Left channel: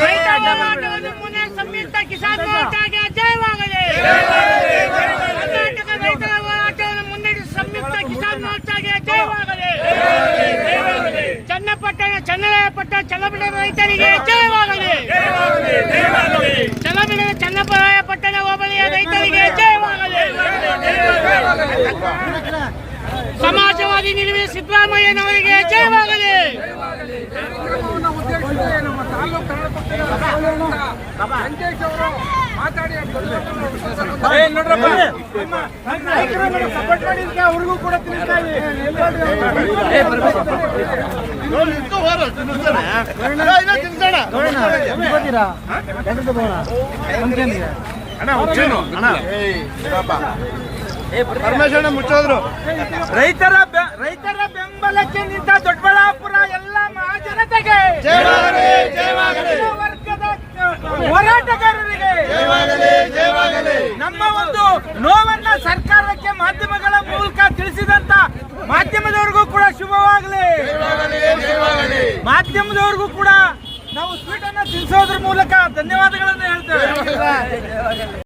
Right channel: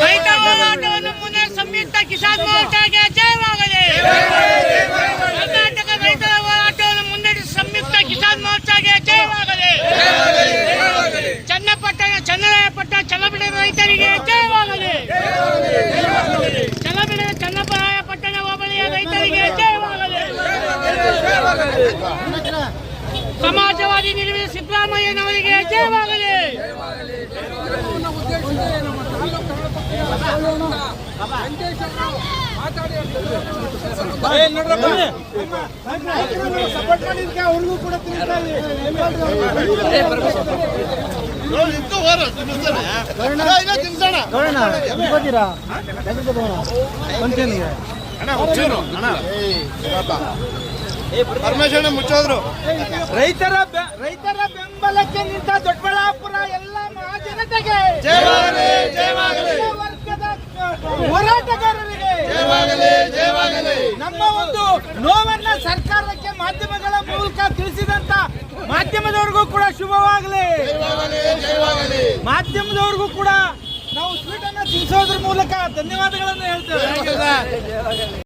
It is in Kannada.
ರೈತ ಹೋರಾಟವನ್ನು ಪುನಃ ಸಂಯುಕ್ತ ಕಿಸಾನ್ ಮೋರ್ಚಾಗೆ ಜಯವಾಗಲಿ ಕರ್ನಾಟಕ ರೈತರ ಹೋರಾಟವನ್ನು ಮುನ್ನಡೆಸಿ ಸಂಯುಕ್ತ ಕಿಸಾನ್ ಮೋರ್ಚಾಗೆ ಜಯವಾಗಲಿ ಚನ್ನಪಟ್ಟಣ ಚನ್ನರಾಯಪಟ್ಟಣ ಚನ್ನಬಿಡ ರೈತರಿಗೆ ಜಯವಾಗಲಿ ಚನ್ನಬಿಡ ಚನ್ನಪರಾಯಪಟ್ಟಣ ಹೋಬಳಿಯ ರೈತರಿಗೆ ಜಯವಾಗಲಿ ಸಮಾಜವಾದಿ ನಿಲುವಿನ ಸಿದ್ದರಾಮಯ್ಯನವರಿಗೆ ಜಯವಾಗಲಿ. ಸಪೋರ್ಟ್ ಮಾಡಿದ್ರೆ ಅವ್ರಿಗೂ ಕೂಡ ತಿಳಿಸ್ತಾ ರೈತರ ರೈತರ ಬೆಂಬಲಕ್ಕೆ ನಿಂತ ದೊಡ್ಡಬಳ್ಳಾಪುರ ಎಲ್ಲ ಮಹಾಜನತೆಗೆ. ವರ್ಗದ ಹೋರಾಟಗಾರರಿಗೆ. ನಮ್ಮ ಒಂದು ನೋವನ್ನ ಸರ್ಕಾರಕ್ಕೆ ಮಾಧ್ಯಮಗಳ ಮೂಲಕ ತಿಳಿಸಿದಂತ ಮಾಧ್ಯಮದವ್ರಿಗೂ ಕೂಡ ಶುಭವಾಗಲಿ. ಮಾಧ್ಯಮದವ್ರಿಗೂ ಕೂಡ ನಾವು ಸ್ವೀಟ್ ಅನ್ನ ತಿಳಿಸೋದ್ರ ಮೂಲಕ ಧನ್ಯವಾದಗಳನ್ನು ಹೇಳ್ತೇವೆ.